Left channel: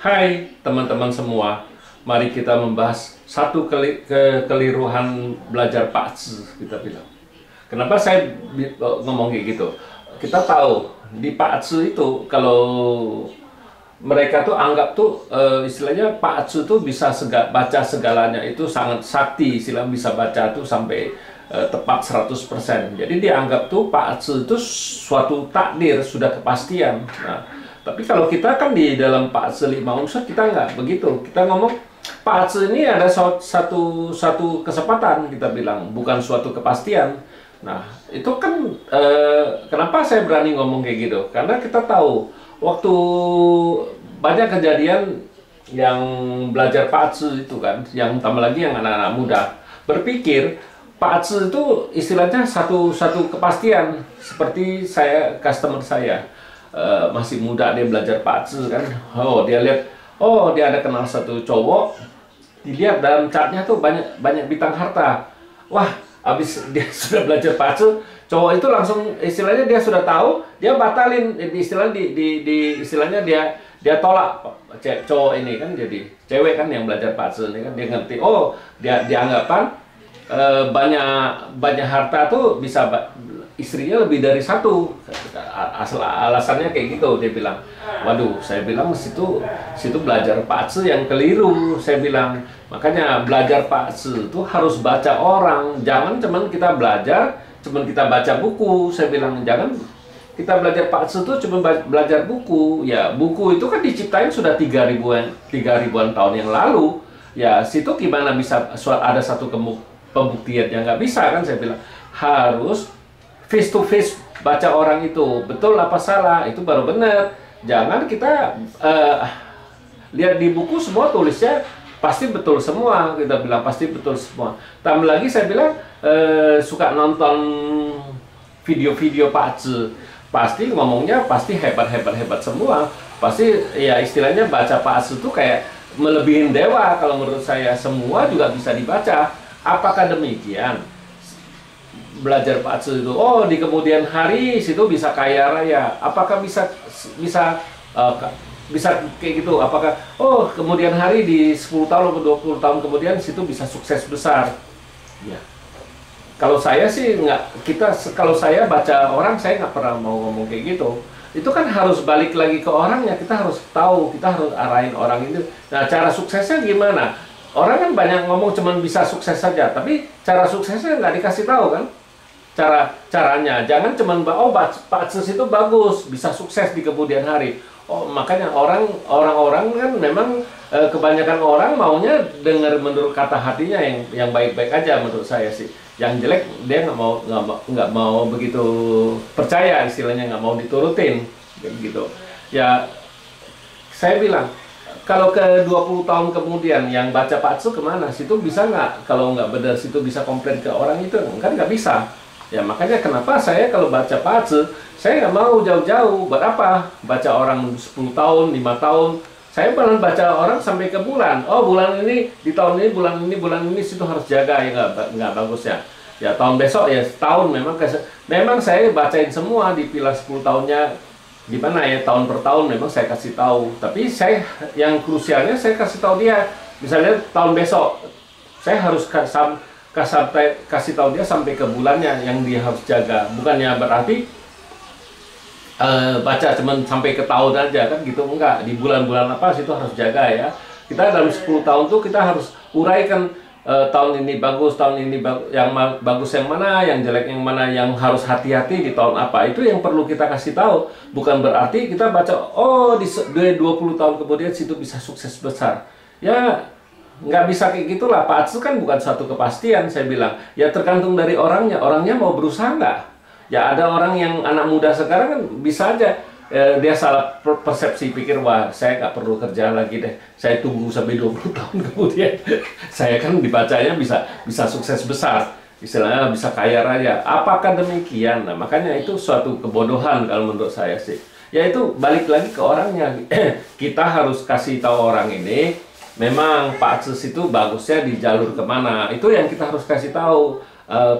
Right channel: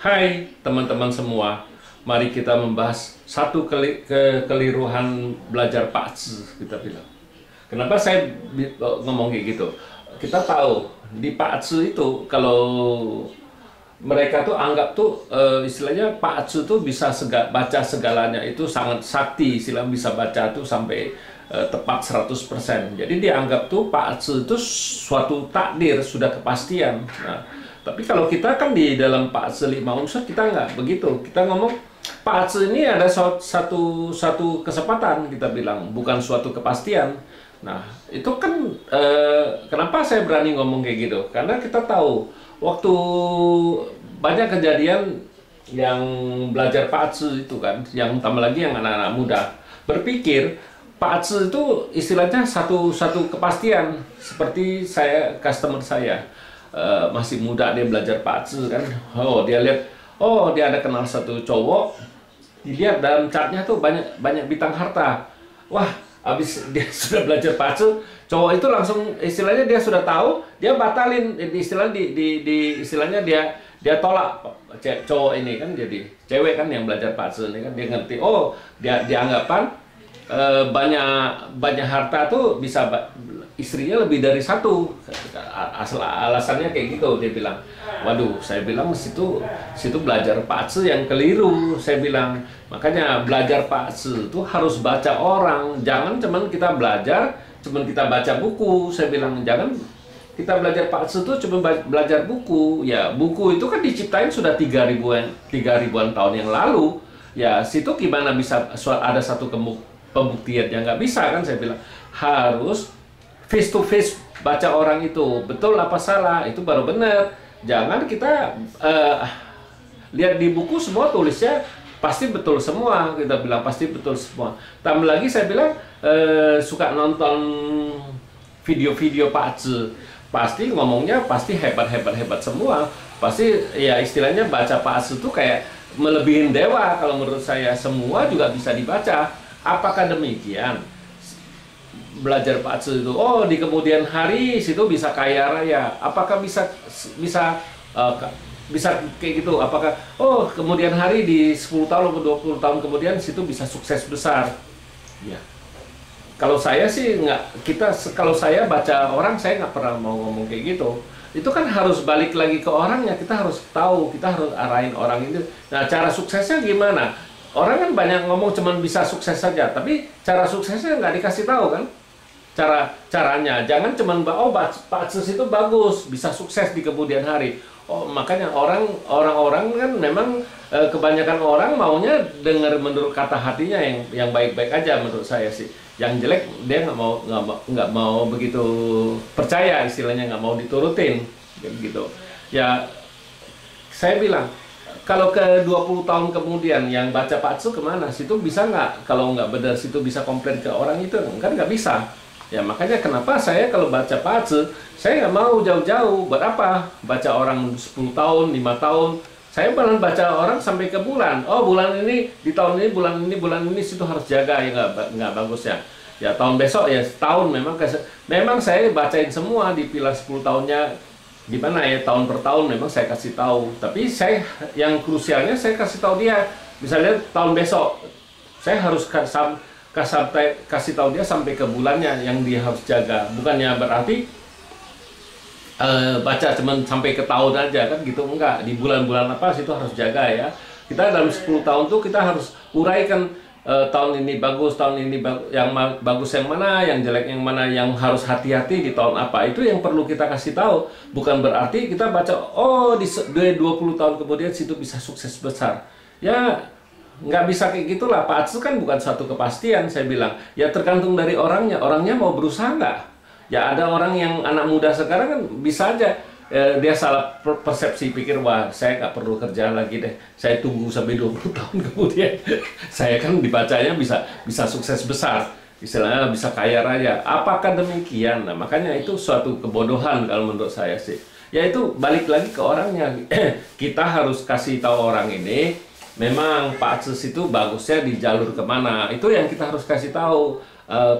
Hai teman-teman semua, mari kita membahas satu kekeliruan belajar Pak Tzu, kita bilang. Kenapa saya ngomong kayak gitu? Kita tahu di Pak Tzu itu kalau mereka tuh anggap tuh istilahnya Pak Tzu tuh bisa baca segalanya, itu sangat sakti, istilah bisa baca tuh sampai tepat 100%. Jadi dianggap tuh Pak Tzu itu suatu takdir, sudah kepastian. Nah, tapi kalau kita kan di dalam Pak Tzu lima unsur kita nggak begitu. Kita ngomong Pak Tzu ini ada satu kesempatan, kita bilang, bukan suatu kepastian. Nah, itu kan kenapa saya berani ngomong kayak gitu? Karena kita tahu waktu banyak kejadian yang belajar Pak Tzu itu kan, yang tambah lagi yang anak-anak muda berpikir Pak Tzu itu istilahnya satu kepastian. Seperti saya, customer saya masih muda, dia belajar Pak Tzu kan, dia lihat, dia ada kenal satu cowok, dilihat dalam chartnya tuh banyak bintang harta. Wah, habis dia sudah belajar Pak Tzu, cowok itu langsung istilahnya dia sudah tahu, dia batalin istilahnya istilahnya dia tolak cowok ini kan, jadi cewek kan yang belajar Pak Tzu ini kan, dia ngerti, dia dianggapan banyak harta tuh bisa istrinya lebih dari satu. Alasannya kayak gitu, dia bilang. Waduh, saya bilang situ belajar Pak Tzu yang keliru, saya bilang. Makanya belajar Pak Tzu itu harus baca orang, jangan cuman kita baca buku. Saya bilang jangan kita belajar Pak Tzu itu cuma belajar buku. Ya, buku itu kan diciptain sudah 3.000-an tahun yang lalu. Ya, situ gimana bisa ada satu pembuktian yang nggak bisa kan, saya bilang. Harus face to face baca orang itu, betul apa salah, itu baru benar. Jangan kita lihat di buku semua tulisnya pasti betul semua, kita bilang pasti betul semua. Tambah lagi saya bilang suka nonton video-video Pak Tzu, pasti ngomongnya pasti hebat semua. Pasti ya istilahnya baca Pak Tzu itu kayak melebihin dewa kalau menurut saya, semua juga bisa dibaca. Apakah demikian? Belajar Pak Tzu itu, di kemudian hari situ bisa kaya raya. Apakah bisa kayak gitu? Apakah kemudian hari di 10 tahun atau 20 tahun kemudian situ bisa sukses besar? Ya. Kalau saya sih kalau saya baca orang, saya nggak pernah mau ngomong kayak gitu. Itu kan harus balik lagi ke orangnya, kita harus tahu, kita harus arahin orang itu. Nah, cara suksesnya gimana? Orang kan banyak ngomong cuman bisa sukses saja, tapi cara suksesnya nggak dikasih tahu kan? Caranya jangan cuman Pak Tzu itu bagus, bisa sukses di kemudian hari. Makanya orang-orang kan memang kebanyakan orang maunya dengar menurut kata hatinya yang baik-baik aja menurut saya sih. Yang jelek dia nggak mau begitu percaya, istilahnya nggak mau diturutin gitu. Ya, saya bilang, kalau ke 20 tahun kemudian yang baca Pak Tzu kemana? Situ bisa nggak? Kalau nggak benar situ bisa komplain ke orang itu? Kan nggak bisa. Ya makanya kenapa saya kalau baca Pak Tzu, saya nggak mau jauh-jauh. Buat apa? Baca orang 10 tahun, 5 tahun. Saya malah baca orang sampai ke bulan. Bulan ini, di tahun ini, bulan ini situ harus jaga, ya nggak bagus ya. Ya tahun besok ya setahun memang saya bacain semua, dipilah 10 tahunnya gimana ya, tahun per tahun memang saya kasih tahu. Tapi yang krusialnya saya kasih tahu dia, misalnya tahun besok saya harus kasih tahu dia sampai ke bulannya yang dia harus jaga. Bukannya berarti baca cuman sampai ke tahun aja kan gitu, enggak. Di bulan-bulan apa situ harus jaga ya. Kita dalam 10 tahun tuh kita harus uraikan, tahun ini bagus, tahun ini yang bagus yang mana, yang jelek yang mana, yang harus hati-hati di tahun apa. Itu yang perlu kita kasih tahu. Bukan berarti kita baca di 20 tahun kemudian situ bisa sukses besar. Ya nggak bisa kayak gitulah. Pak Tzu kan bukan suatu kepastian, saya bilang. Ya tergantung dari orangnya mau berusaha nggak. Ya ada orang yang anak muda sekarang kan bisa aja dia salah persepsi, pikir wah saya nggak perlu kerja lagi deh, saya tunggu sampai 20 tahun kemudian saya kan dibacanya bisa sukses besar, istilahnya bisa kaya raya. Apakah demikian? Nah, makanya itu suatu kebodohan kalau menurut saya sih. Ya itu balik lagi ke orangnya. Kita harus kasih tahu orang ini memang Pak Tzu itu bagusnya di jalur kemana, itu yang kita harus kasih tahu.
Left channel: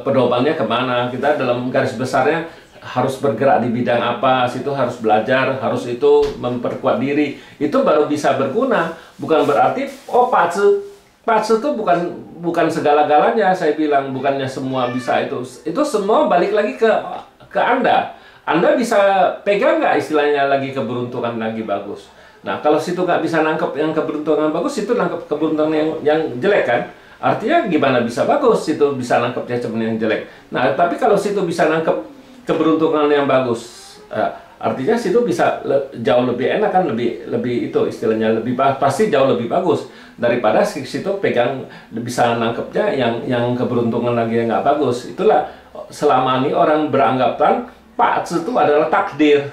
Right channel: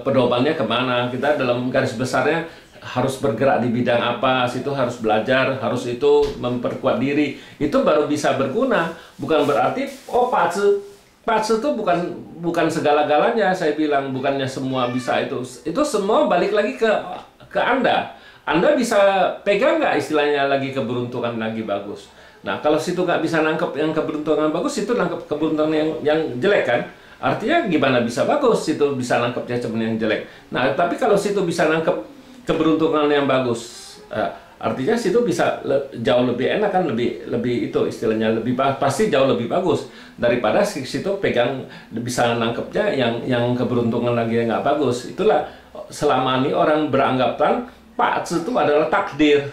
Pedomannya kemana, kita dalam garis besarnya harus bergerak di bidang apa, situ harus belajar, harus itu memperkuat diri. Itu baru bisa berguna. Bukan berarti oh Pak Tzu itu bukan segala-galanya, saya bilang bukannya semua bisa itu. Itu semua balik lagi ke Anda. Anda bisa pegang nggak istilahnya lagi keberuntungan lagi bagus. Nah, kalau situ nggak bisa nangkep yang keberuntungan bagus, itu nangkep keberuntungan yang jelek kan? Artinya gimana bisa bagus, situ bisa nangkepnya cuma yang jelek. Nah, tapi kalau situ bisa nangkep keberuntungan yang bagus, artinya situ bisa jauh lebih enak kan, lebih itu istilahnya pasti jauh lebih bagus daripada situ pegang bisa nangkepnya yang keberuntungan lagi yang nggak bagus. Itulah selama ini orang beranggapan Pak Tzu itu adalah takdir.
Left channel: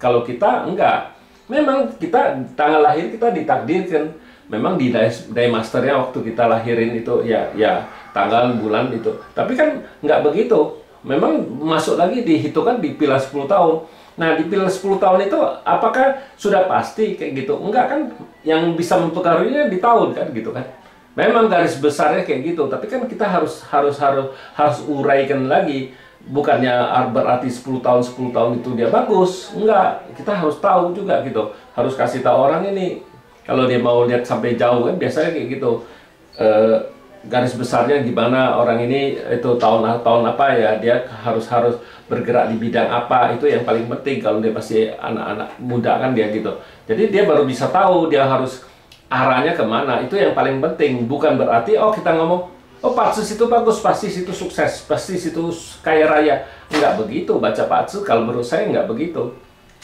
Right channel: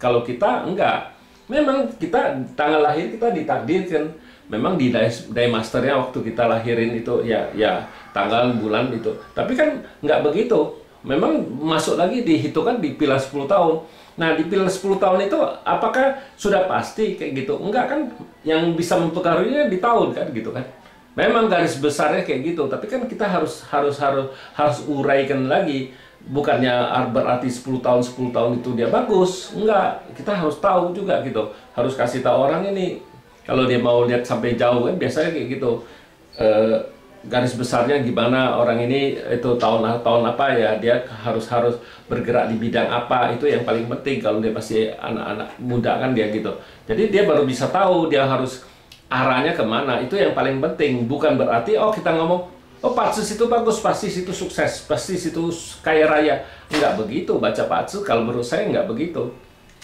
Kalau kita enggak. Memang kita tanggal lahir kita ditakdirkan. Memang di day masternya waktu kita lahirin itu ya tanggal bulan itu. Tapi kan nggak begitu. Memang masuk lagi dihitungan di pilar 10 tahun. Nah, di pilar 10 tahun itu apakah sudah pasti kayak gitu? Enggak kan? Yang bisa mempengaruhinya di tahun kan gitu kan. Memang garis besarnya kayak gitu, tapi kan kita harus uraikan lagi. Bukannya berarti 10 tahun itu dia bagus. Enggak, kita harus tahu juga gitu. Harus kasih tahu orang ini. Kalau dia mau lihat sampai jauh kan biasanya kayak gitu. Garis besarnya gimana orang ini itu tahun apa ya, dia harus bergerak di bidang apa, itu yang paling penting kalau dia masih anak-anak muda kan dia gitu. Jadi dia baru bisa tahu dia harus arahnya kemana, itu yang paling penting. Bukan berarti oh kita ngomong oh Pak Tzu itu bagus, pasti situ sukses, pasti situ kaya raya. Enggak begitu baca Pak Tzu, kalau menurut saya enggak begitu.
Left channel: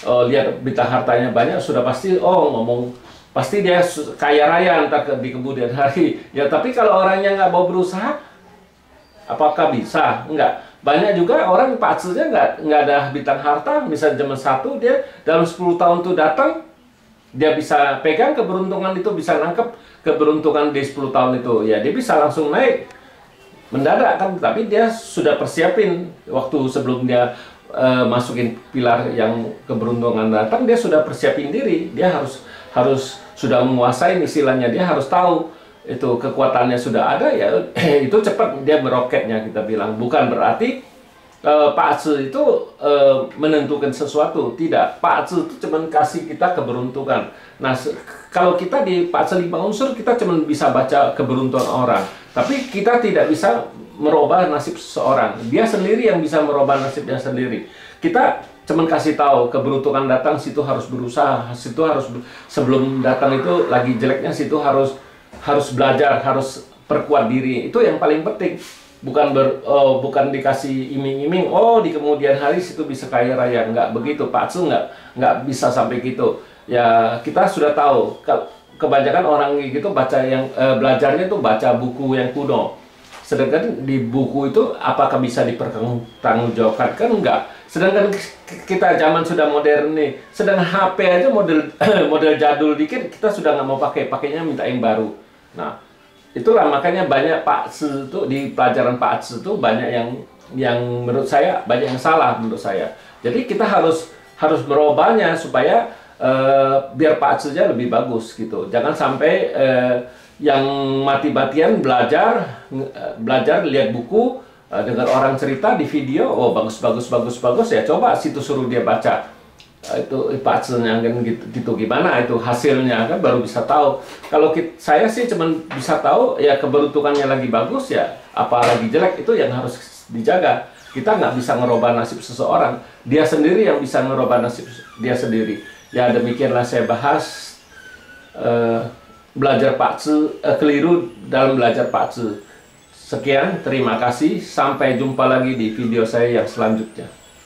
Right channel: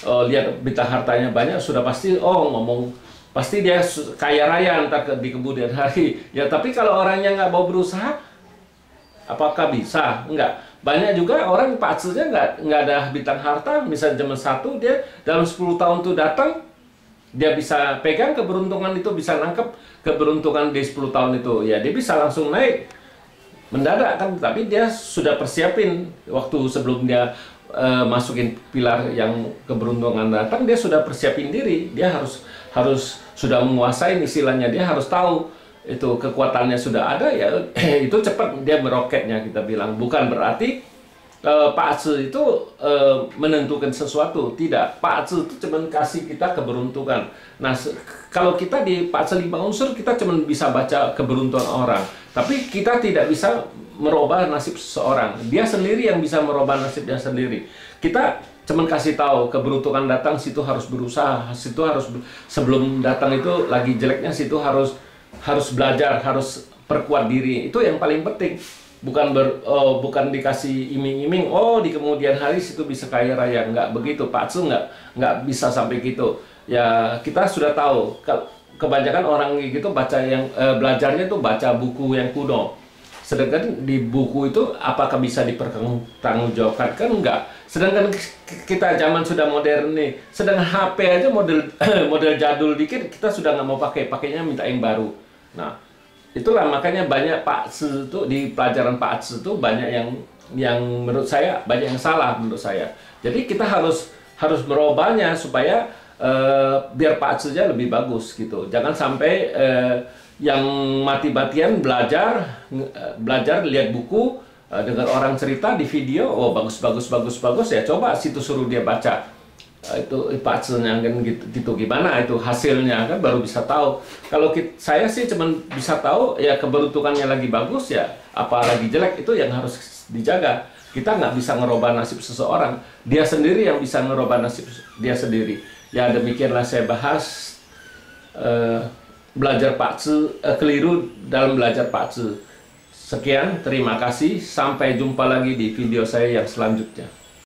Lihat bintang hartanya banyak, sudah pasti ngomong pasti dia kaya raya entar di kemudian hari. Ya tapi kalau orangnya nggak mau berusaha, apakah bisa? Enggak. Banyak juga orang Pak Tzu-nya nggak ada bintang harta, misalnya zaman 1 dia dalam 10 tahun tuh datang, dia bisa pegang keberuntungan itu, bisa nangkep keberuntungan di 10 tahun itu. Ya, dia bisa langsung naik mendadak kan, tapi dia sudah persiapin waktu sebelum dia masukin pilar yang keberuntungan datang, dia sudah persiapin diri. Dia harus sudah menguasai istilahnya, dia harus tahu itu kekuatannya sudah ada ya. Itu cepat dia meroketnya, kita bilang. Bukan berarti Pak Tzu itu menentukan sesuatu, tidak. Pak Tzu itu cuma kasih kita keberuntungan. Nah, kalau kita di Pak Tzu 5 unsur, kita cuma bisa baca keberuntungan orang, tapi kita tidak bisa merubah nasib seseorang. Dia sendiri yang bisa merubah nasibnya sendiri. Kita cuma kasih tahu keberuntungan datang, situ harus berusaha, situ harus sebelum datang itu lagi jeleknya, situ harus belajar, harus perkuat diri. Itu yang paling penting. Bukan dikasih iming-iming, di kemudian hari situ bisa kaya raya. Nggak begitu, Pak Tzu nggak bisa sampai gitu. Ya kita sudah tahu, kebanyakan orang gitu belajarnya tuh baca buku yang kuno. Sedangkan di buku itu apakah bisa dipertanggungjawabkan? Kan enggak. Sedangkan kita zaman sudah modern nih, sedang HP aja model jadul dikit kita sudah nggak mau pakainya minta yang baru. Nah, itulah makanya banyak Pak Tzu itu di pelajaran Pak Tzu itu banyak yang menurut saya banyak yang salah menurut saya. Jadi kita harus merubahnya supaya biar Pak Tzu-nya lebih bagus gitu. Jangan sampai yang mati-matian belajar lihat buku, dengar orang cerita di video, bagus ya, coba situ suruh dia baca itu Pak Tzu-nya kan gitu gimana itu hasilnya kan baru bisa tahu. Kalau saya sih cuman bisa tahu ya keberuntungannya lagi bagus ya, apalagi jelek itu yang harus dijaga. Kita nggak bisa ngerubah nasib seseorang, dia sendiri yang bisa ngerubah nasib dia sendiri. Ya demikianlah saya bahas belajar Pak Tzu, keliru dalam belajar Pak Tzu. Sekian, terima kasih, sampai jumpa lagi di video saya yang selanjutnya.